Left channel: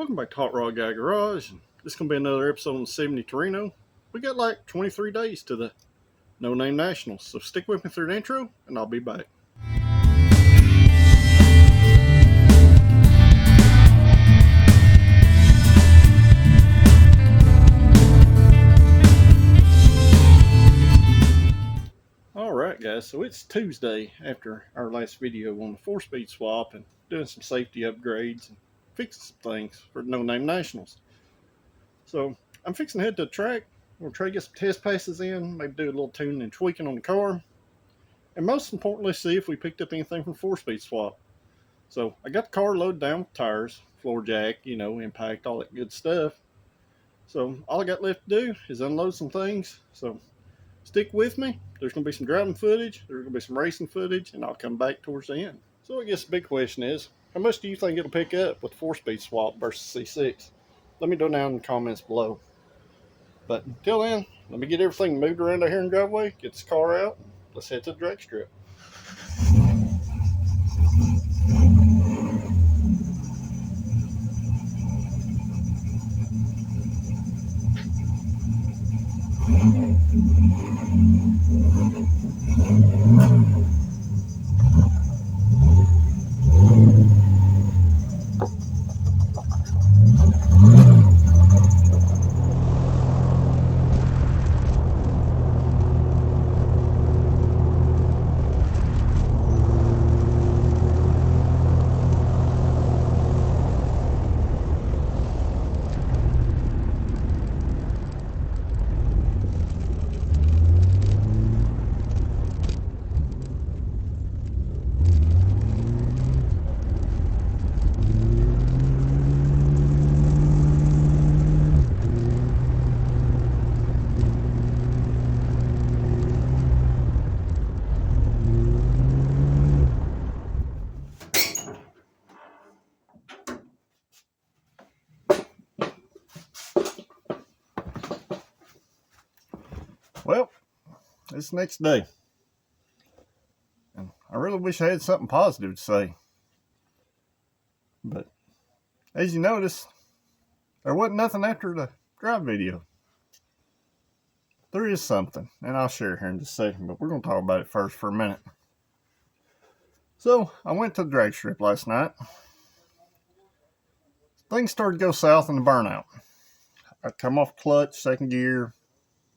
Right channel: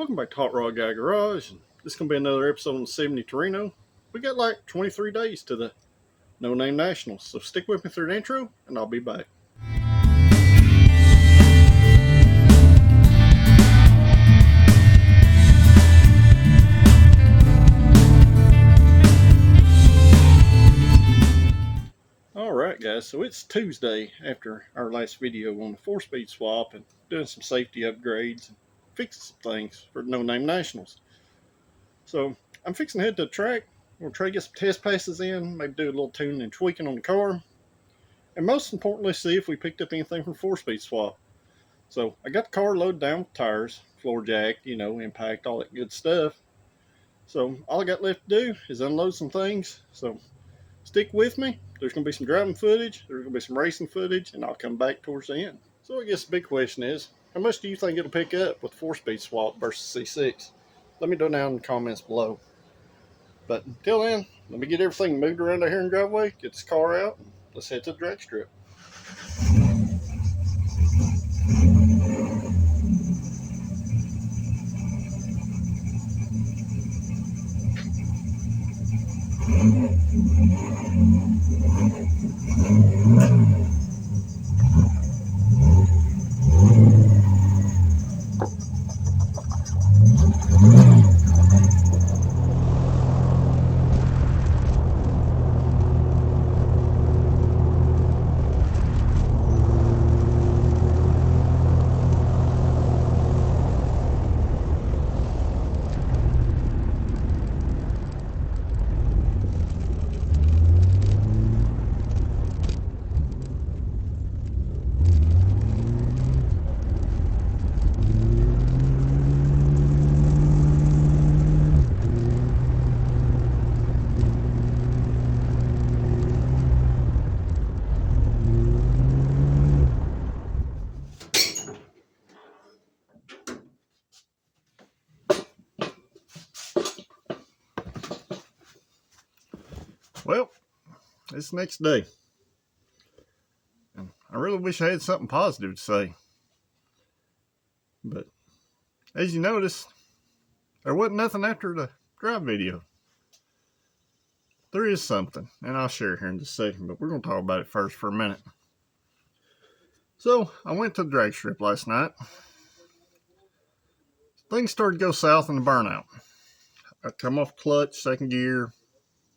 Welcome back to Hot Rod Guy Garage. And this is going to be another episode on 70 Torino. We got like 23 days to the No Name Nationals, so stick with me through the intro and I'll be back. Alright guys, so it's Tuesday after our last video on the 4-speed swap and doing some safety upgrades and fixing some things for No Name Nationals. So I'm fixing to head to the track. We'll try to get some test passes in, maybe do a little tuning and tweaking on the car, and most importantly see if we picked up anything from 4-speed swap. So I got the car loaded down with tires, floor jack, impact, all that good stuff. So all I got left to do is unload some things. So stick with me. There's going to be some driving footage, there's going to be some racing footage, and I'll come back towards the end. So I guess the big question is, how much do you think it'll pick up with 4-speed swap versus C6? Let me know down in the comments below. But until then, let me get everything moved around out here in the driveway, get this car out, and let's head to the drag strip. Well, it's the next day, and I really wish I had something positive to say, but as you noticed, there wasn't nothing after the drive video. There is something, and I'll share here in just a second, but we're going to talk about it first for a minute. So, I went to the drag strip last night. Things started to go south in the burnout. I come off clutch, second gear,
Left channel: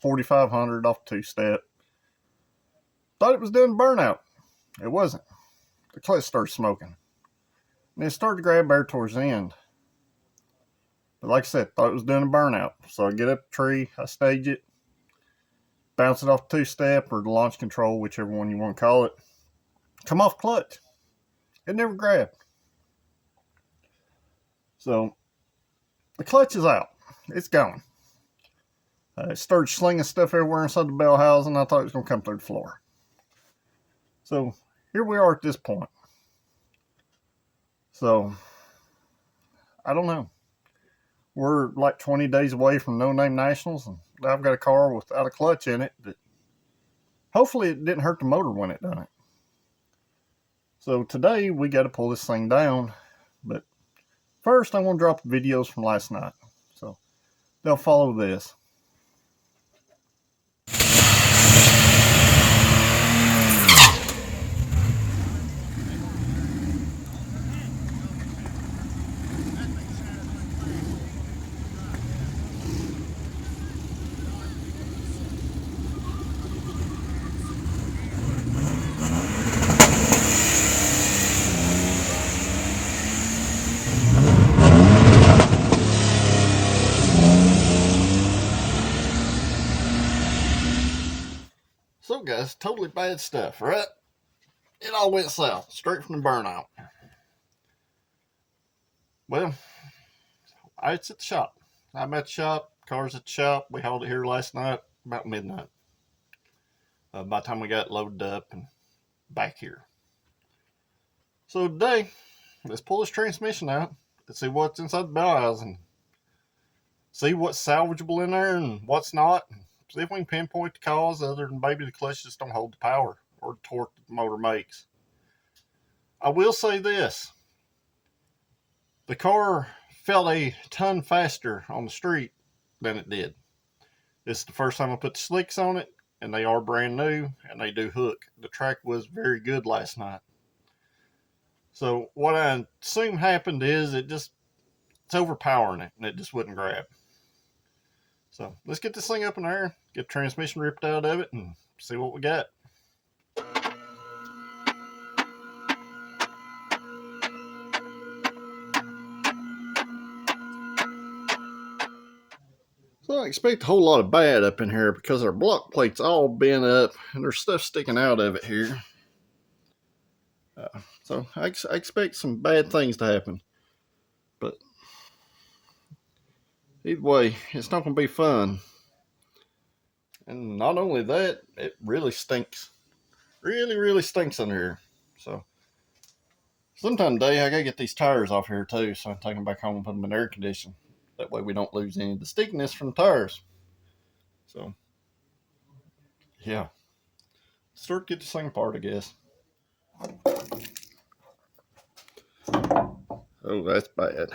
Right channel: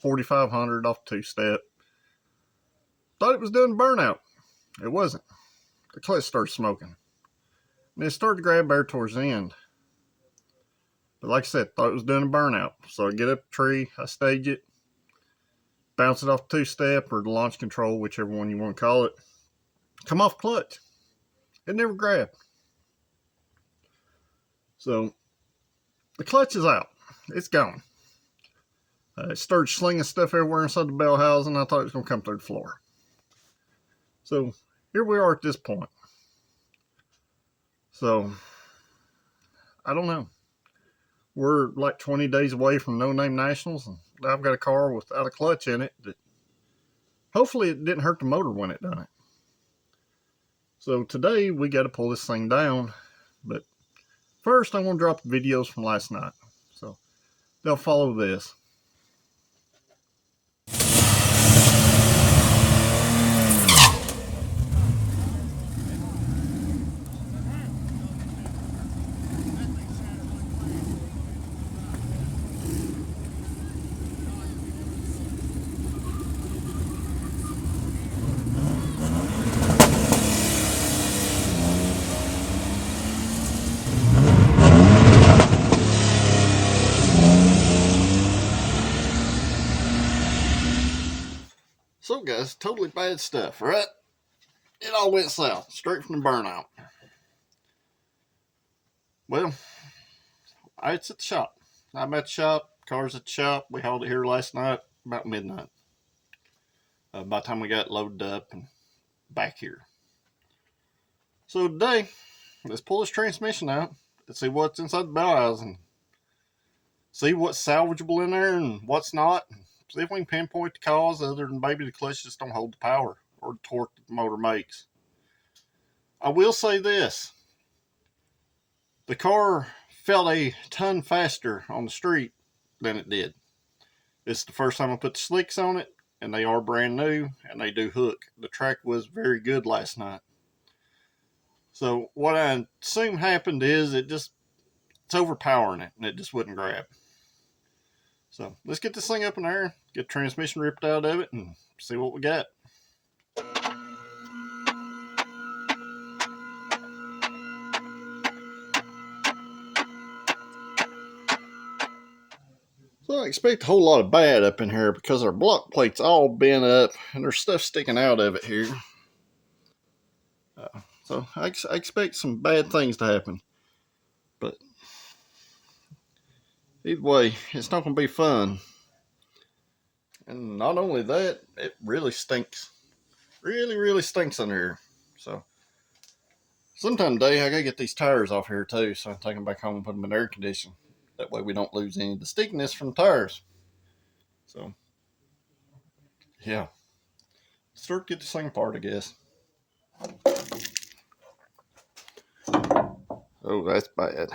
4,500 off two-step. Thought it was doing burnout. It wasn't. The clutch started smoking. And it started to grab air towards the end. But like I said, thought it was doing a burnout. So I get up the tree, I stage it, bounce it off two-step or the launch control, whichever one you want to call it. Come off clutch. It never grabbed. So the clutch is out. It's gone. It started slinging stuff everywhere inside the bell housing. I thought it was going to come through the floor. So here we are at this point. So I don't know. We're like 20 days away from No Name Nationals, and I've got a car without a clutch in it that hopefully it didn't hurt the motor when it done it. So today we got to pull this thing down, but first I want to drop the videos from last night. So they'll follow this. So guys, totally bad stuff, right? It all went south, straight from the burnout. Well, it's at the shop. I'm at the shop, car's at the shop. We hauled it here last night, about midnight. By the time we got it loaded up and back here. So today, let's pull this transmission out. Let's see what's inside the bell housing. See what's salvageable in there and what's not. See if we can pinpoint the cause other than maybe the clutch just don't hold the power or the torque that the motor makes. I will say this. The car felt a ton faster on the street than it did. This is the first time I put the slicks on it, and they are brand new, and they do hook. The track was very good last night. So what I assume happened is it's overpowering it, and it just wouldn't grab. So let's get this thing up in there, get the transmission ripped out of it, and see what we got. So I expect a whole lot of bad up in here because our block plate's all bent up and there's stuff sticking out of it here. So I expect some bad things to happen. But either way, it's not going to be fun. And not only that, it really stinks. Really, really stinks in here. So sometime today I got to get these tires off here too. So I take them back home and put them in air conditioning. That way we don't lose any of the stickiness from the tires. So yeah. Start to get this thing apart, I guess. Oh, that's bad.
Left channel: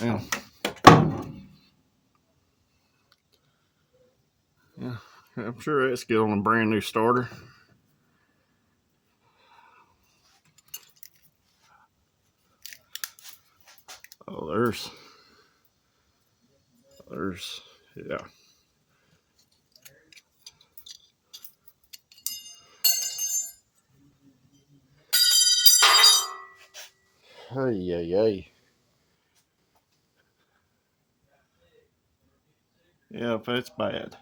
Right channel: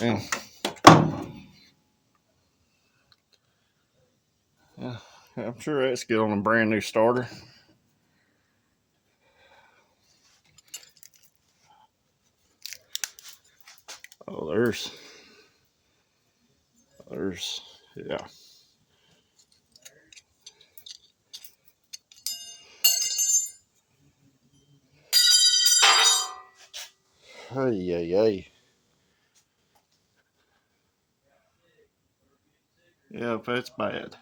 Yeah. Yeah, I'm sure that's good on a brand new starter. Oh, there's, yeah. Hey, hey. Yeah, that's bad.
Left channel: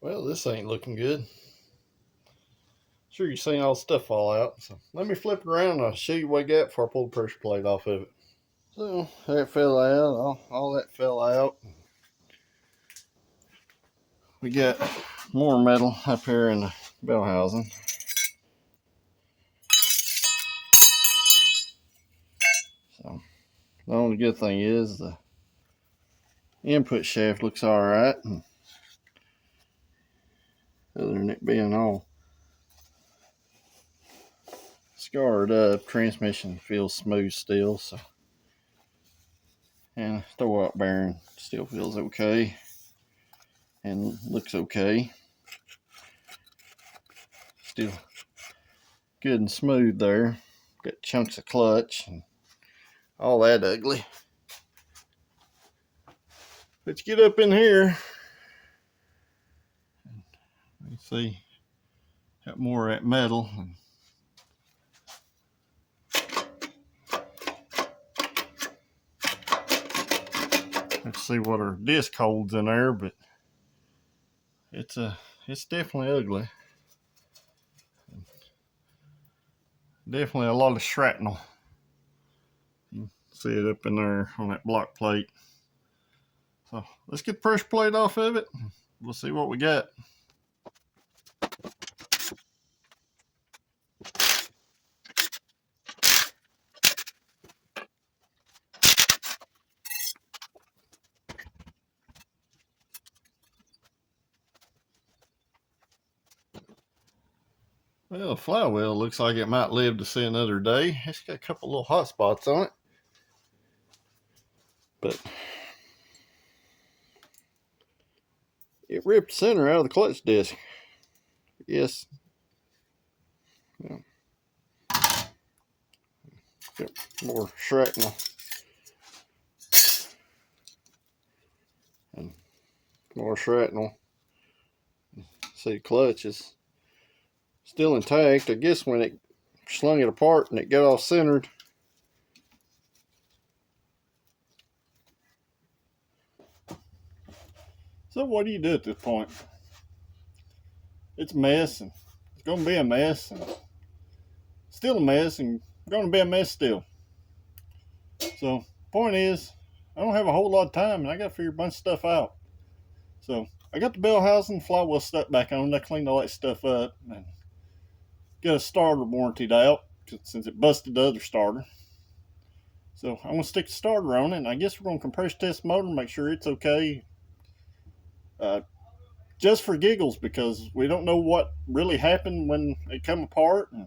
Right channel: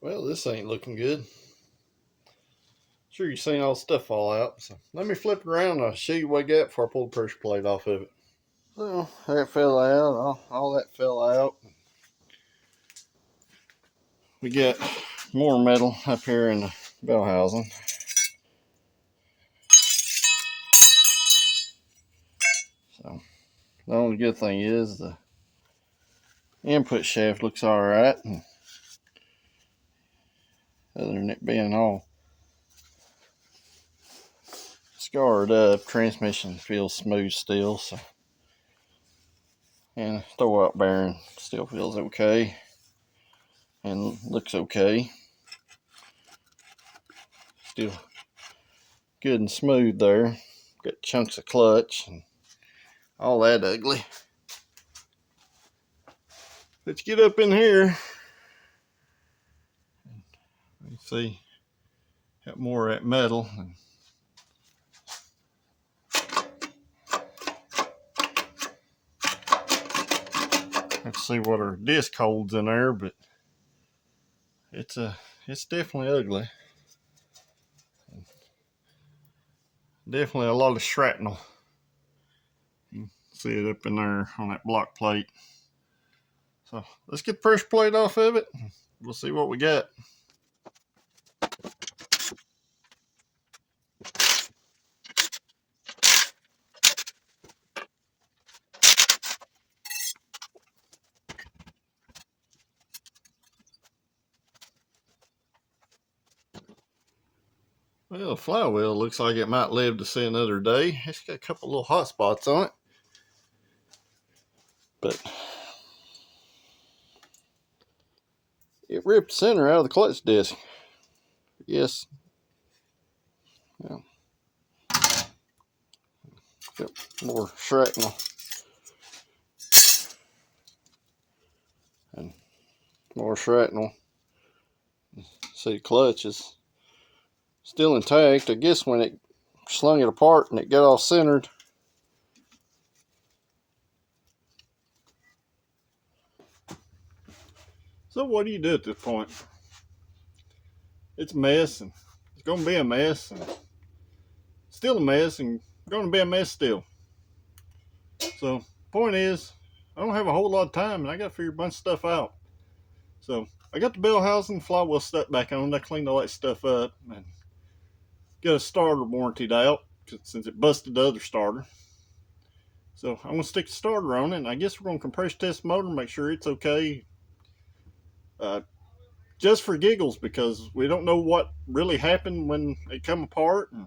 Well, this ain't looking good. Sure, you've seen all the stuff fall out. So let me flip it around and I'll show you what I got before I pull the pressure plate off of it. So that fell out. All that fell out. We got more metal up here in the bell housing. So the only good thing is the input shaft looks alright. Other than it being all scarred up, transmission feels smooth still. So, and throwout bearing still feels okay and looks okay. Still good and smooth there. Got chunks of clutch and all that ugly. Let's get up in here. You see, got more of that metal. Let's see what our disc holds in there, but it's definitely ugly. Definitely a lot of shrapnel. You can see it up in there on that block plate. So let's get the pressure plate off of it. We'll see what we got. Well, the flywheel looks like it might live to see another day. It's got a couple little hot spots on it. But it ripped center out of the clutch disc. Yes. Yeah. Yep. More shrapnel. And more shrapnel. See, the clutch is still intact. I guess when it slung it apart and it got all centered, so what do you do at this point? It's a mess, and it's going to be a mess, and still a mess, and going to be a mess still. So, point is, I don't have a whole lot of time, and I got to figure a bunch of stuff out. So, I got the bell housing, flywheel stuck back on. I cleaned all that stuff up, and got a starter warranted out since it busted the other starter. So, I'm going to stick the starter on it, and I guess we're going to compressor test the motor, make sure it's okay. Just for giggles, because we don't know what really happened when it come apart, and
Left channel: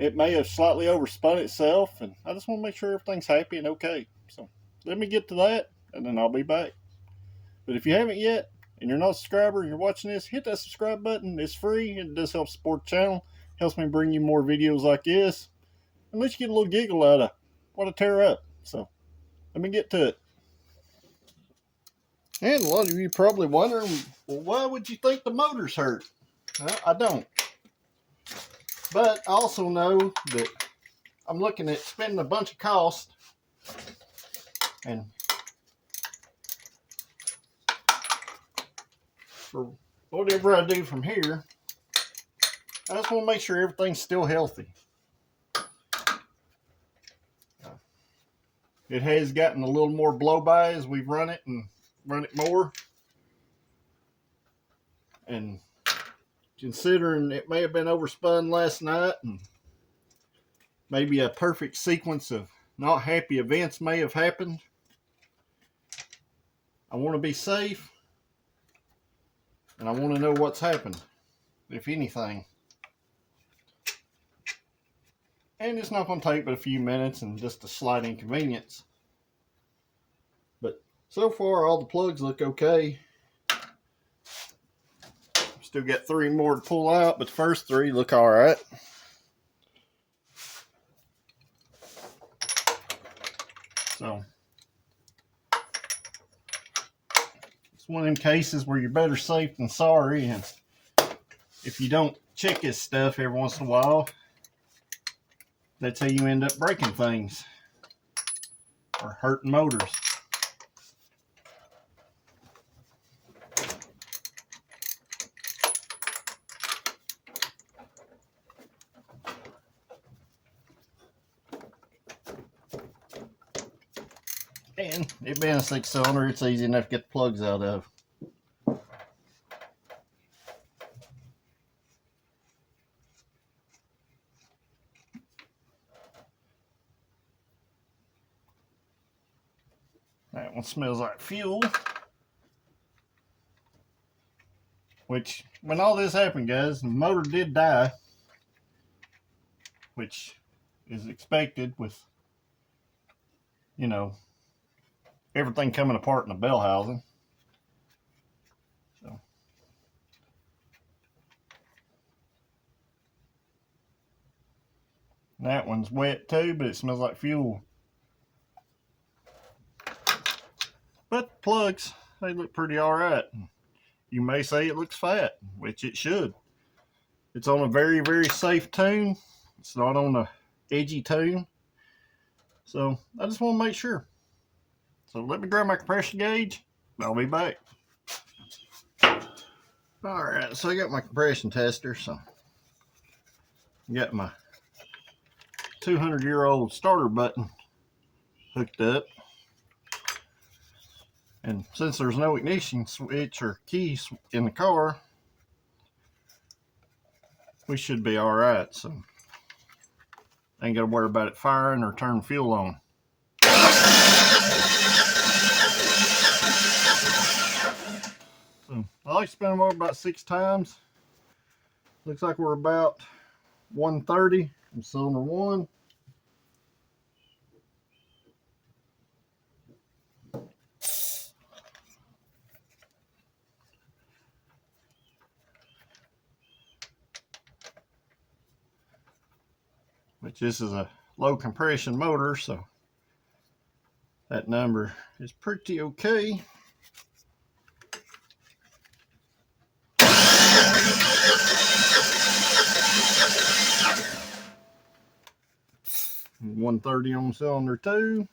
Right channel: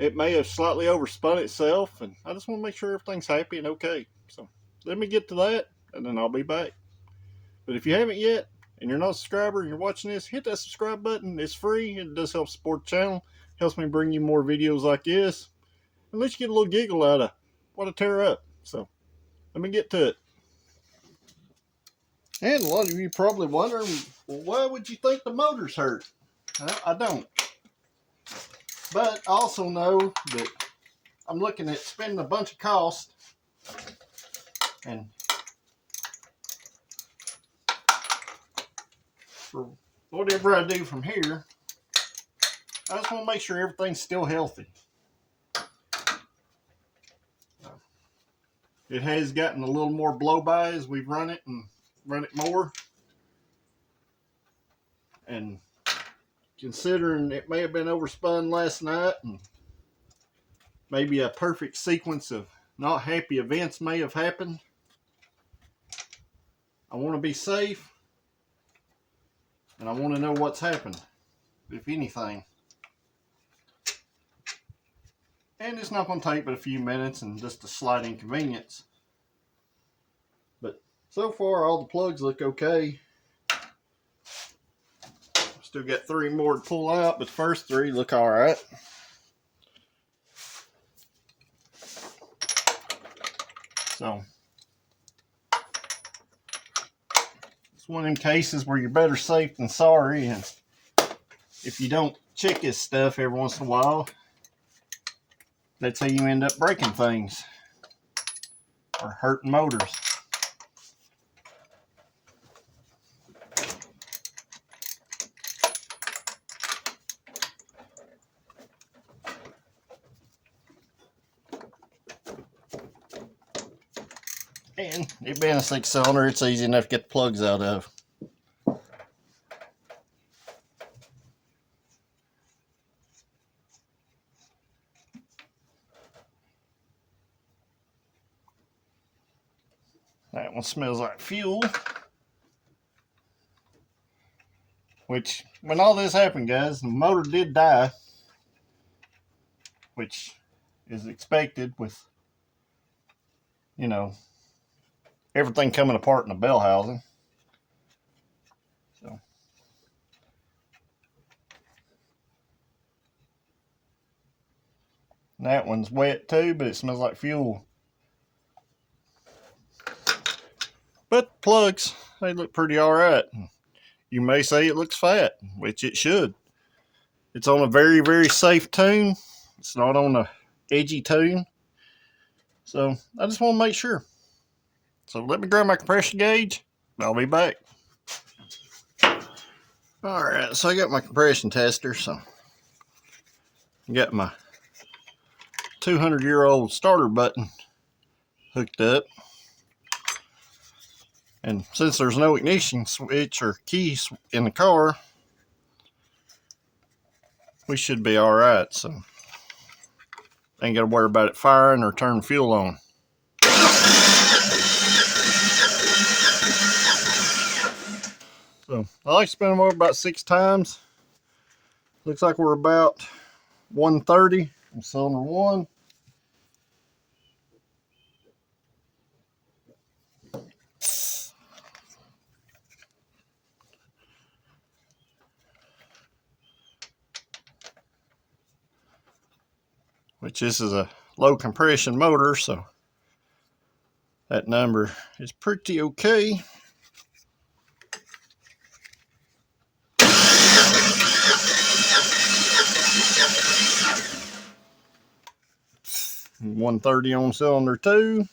it may have slightly overspun itself, and I just want to make sure everything's happy and okay. So let me get to that, and then I'll be back. But if you haven't yet, and you're not a subscriber and you're watching this, hit that subscribe button. It's free. It does help support the channel. Helps me bring you more videos like this, and let you get a little giggle out of what I tear up. So let me get to it. And a lot of you probably wondering, well, why would you think the motor's hurt? Well, I don't. But I also know that I'm looking at spending a bunch of cost, and for whatever I do from here, I just want to make sure everything's still healthy. It has gotten a little more blow by as we've run it and run it more. And considering it may have been overspun last night, and maybe a perfect sequence of not happy events may have happened, I want to be safe, and I want to know what's happened, if anything. And it's not going to take but a few minutes and just a slight inconvenience. But so far, all the plugs look okay. Still got 3 more to pull out, but the first 3 look all right. So it's one of them cases where you're better safe than sorry, and if you don't check this stuff every once in a while, that's how you end up breaking things or hurting motors. And it being a 6-cylinder, it's easy enough to get the plugs out of. That one smells like fuel. Which, when all this happened, guys, the motor did die, which is expected with, you know, everything coming apart in the bell housing. So that one's wet too, but it smells like fuel. But the plugs, they look pretty all right. You may say it looks fat, which it should. It's on a very, very safe tune. It's not on a edgy tune. So I just want to make sure. So let me grab my compression gauge, and I'll be back. All right, so I got my compression tester. So I got my 200-year-old starter button hooked up. And since there's no ignition switch or keys in the car, we should be all right. So ain't got to worry about it firing or turning fuel on. So I like to spin them over about 6 times. Looks like we're about 130 on cylinder 1. which this is a low compression motor, so that number is pretty okay. And 130 on cylinder 2.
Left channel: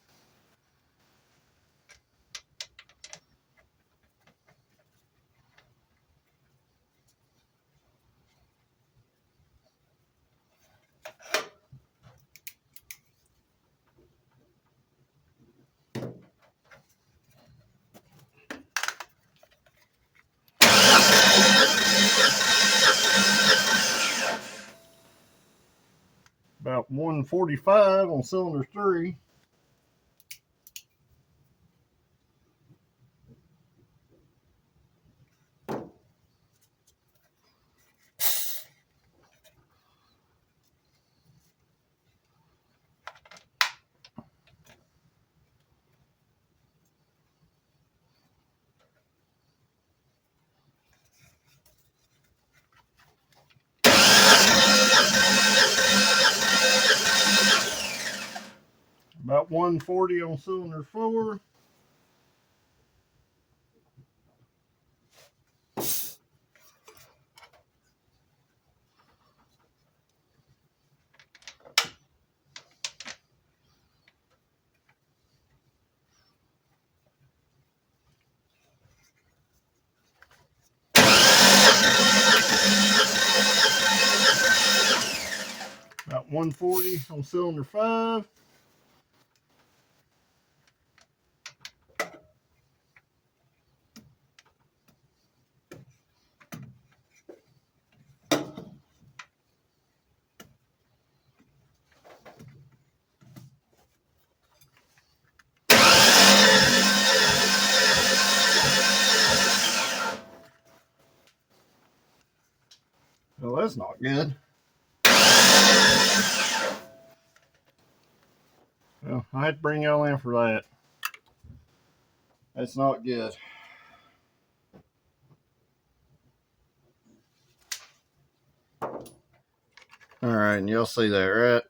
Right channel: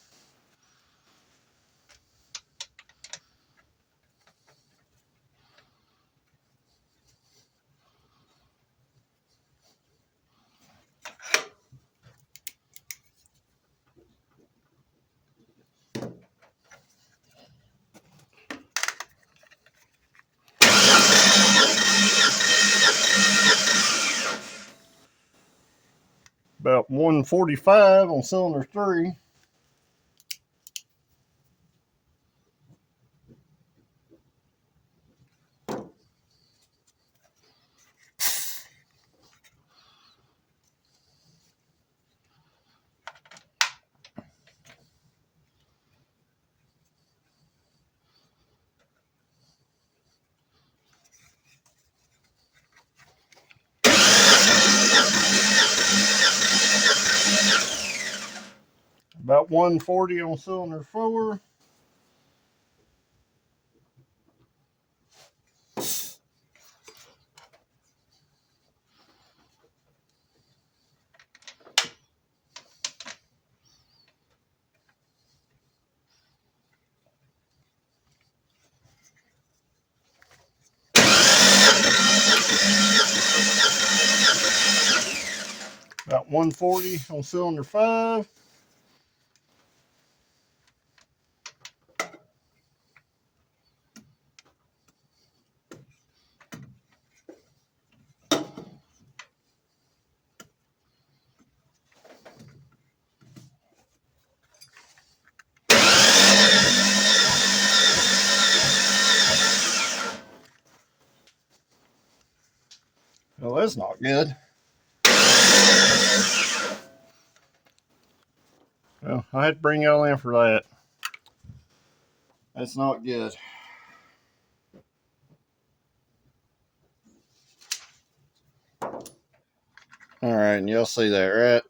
About 145 on cylinder 3. About 140 on cylinder 4. About 140 on cylinder 5. Well, that's not good. Well, I had to bring y'all in for that. That's not good. All right, and y'all see that, right?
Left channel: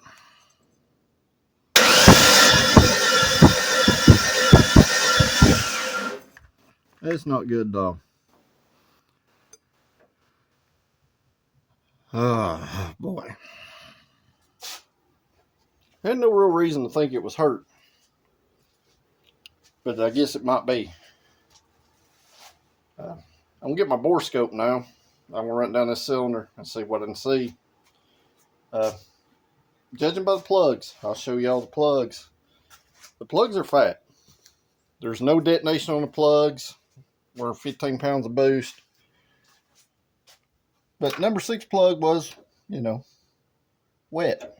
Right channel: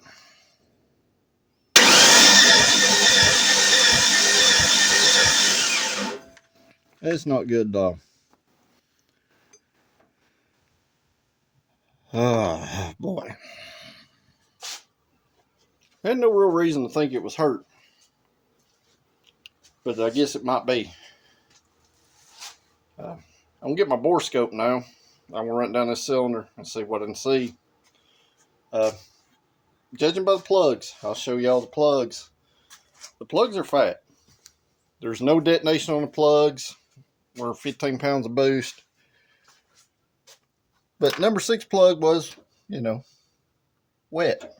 That's not good, dog. Oh, boy. I had no real reason to think it was hurt, but I guess it might be. I'm going to get my bore scope now. I'm going to run down this cylinder and see what I can see. Judging by the plugs, I'll show y'all the plugs. The plugs are fat. There's no detonation on the plugs. We're 15 pounds of boost. But number 6 plug was, wet.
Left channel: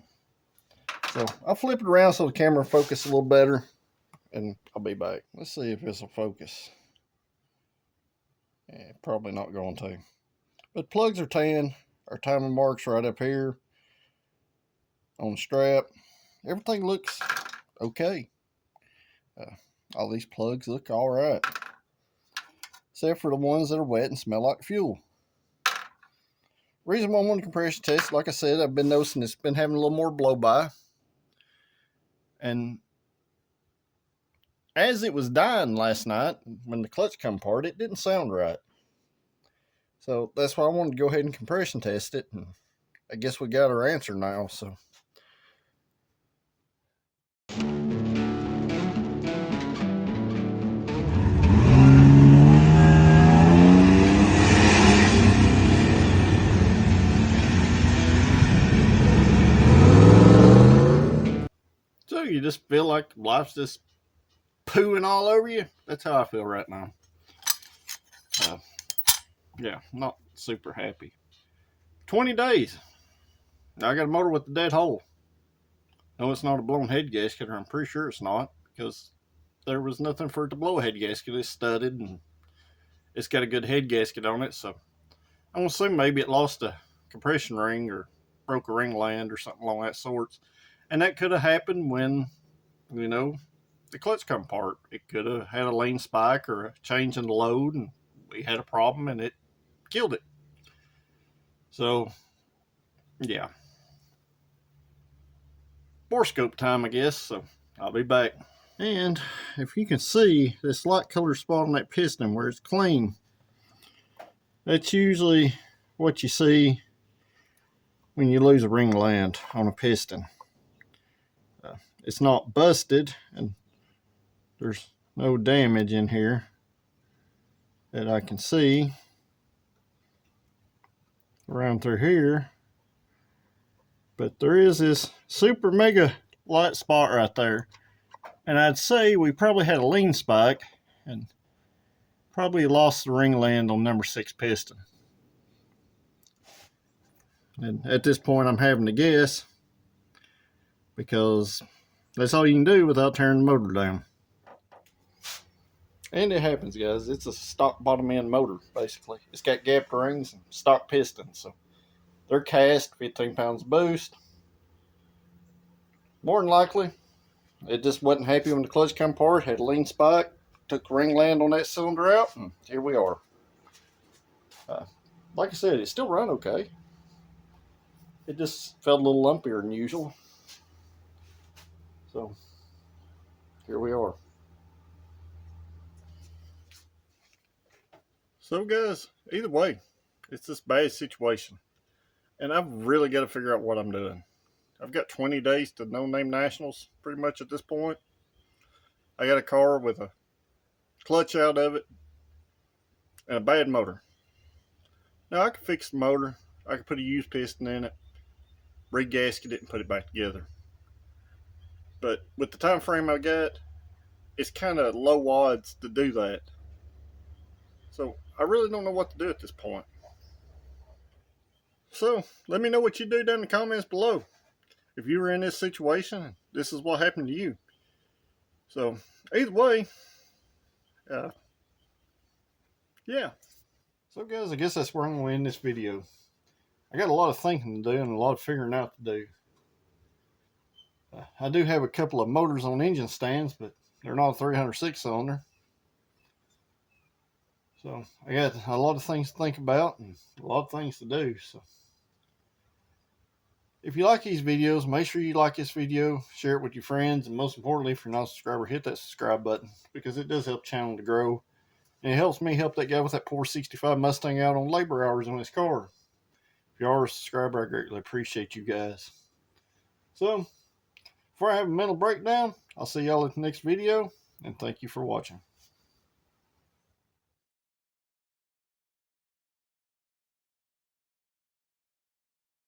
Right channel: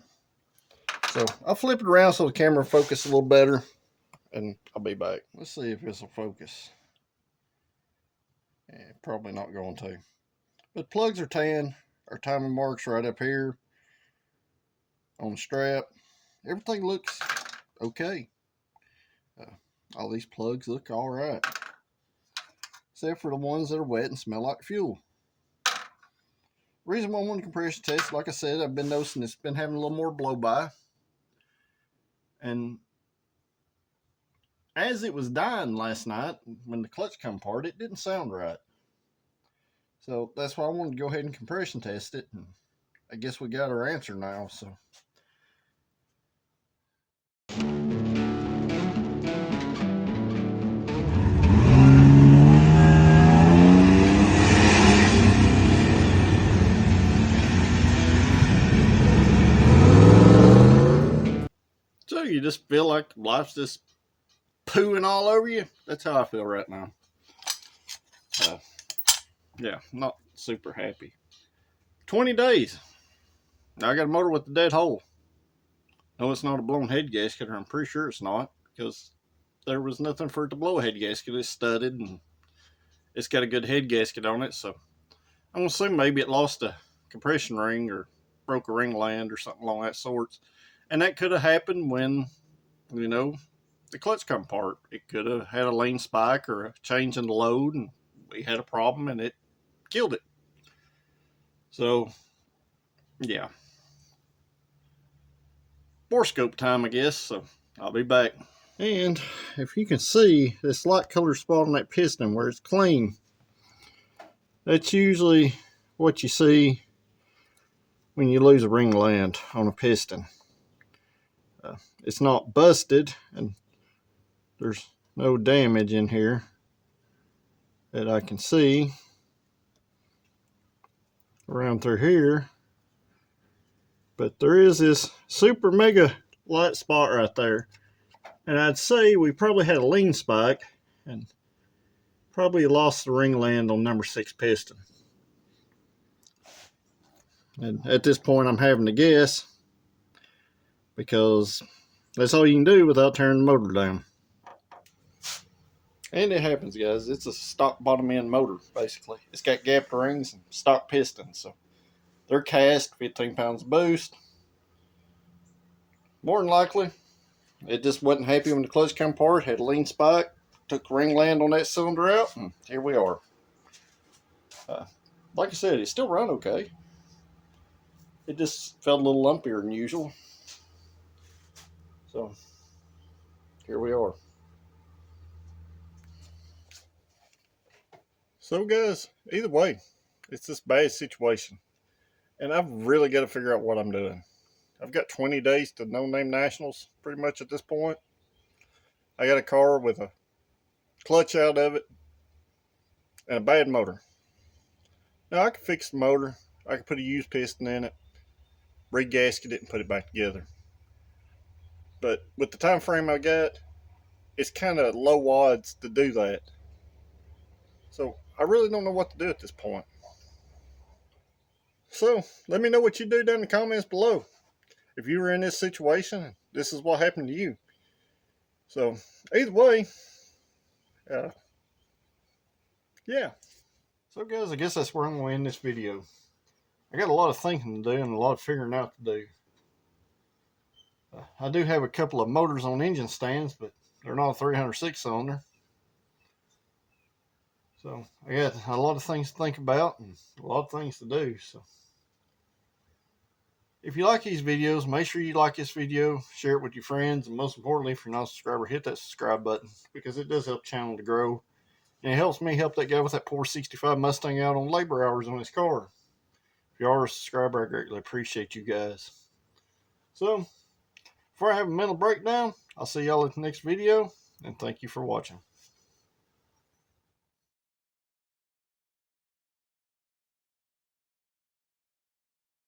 So I'll flip it around so the camera focus a little better, and I'll be back. Let's see if this will focus. Yeah, probably not going to. But plugs are tan. Our timing marks right up here on the strap. Everything looks okay. All these plugs look all right, except for the ones that are wet and smell like fuel. Reason why I want to compression test, like I said, I've been noticing it's been having a little more blow by. And as it was dying last night, when the clutch come apart, it didn't sound right. So that's why I wanted to go ahead and compression test it. And I guess we got our answer now, so. So you just feel like life's just pooing all over you? That's how I feel right now. Yeah, not super happy. 20 days. Now I got a motor with a dead hole. No, it's not a blown head gasket, or I'm pretty sure it's not, because there was nothing for it to blow a head gasket. It's studded and it's got a good head gasket on it, so I'm gonna assume maybe it lost a compression ring or broke a ring land or something along that sorts. And that could have happened when, the clutch come apart. It could have had a lane spike or a change in the load, and we had a problem and it killed it. So, yeah. borescope time, I guess. So I'll be back. And if you can see this light color spot on that piston where it's clean, that's usually what you see when you lose a ring land on a piston. It's not busted, and there's no damage in here that I can see around through here, but there is this super mega light spot right there, and I'd say we probably had a lean spike and probably lost the ring land on number 6 piston. And at this point I'm having to guess, because that's all you can do without tearing the motor down. And it happens, guys. It's a stock bottom end motor, basically. It's got gapped rings and stock pistons, so they're cast 15 pounds boost. More than likely, it just wasn't happy when the clutch came apart, had a lean spike, took the ring land on that cylinder out, and here we are. Like I said, it still run okay. It just felt a little lumpier than usual. So, here we are. So guys, either way, it's this bad situation. And I've really got to figure out what I'm doing. I've got 20 days to no-name nationals, pretty much at this point. I got a car with a clutch out of it and a bad motor. Now, I could fix the motor. I could put a used piston in it, re-gasket it, and put it back together. But with the time frame I got, it's kind of low odds to do that. So I really don't know what to do at this point. So let me know what you do down in the comments below. If you were in this situation, this is what happened to you. So either way, yeah. So guys, I guess that's where I'm going to end this video. I got a lot of thinking to do and a lot of figuring out to do. I do have a couple of motors on engine stands, but they're not a 306 cylinder. So I got a lot of things to think about and a lot of things to do. So if you like these videos, make sure you like this video, share it with your friends, and most importantly, if you're not a subscriber, hit that subscribe button, because it does help the channel to grow. And it helps me help that guy with that poor 65 Mustang out on labor hours on his car. If you are a subscriber, I greatly appreciate you guys. So before I have a mental breakdown, I'll see y'all in the next video, and thank you for watching.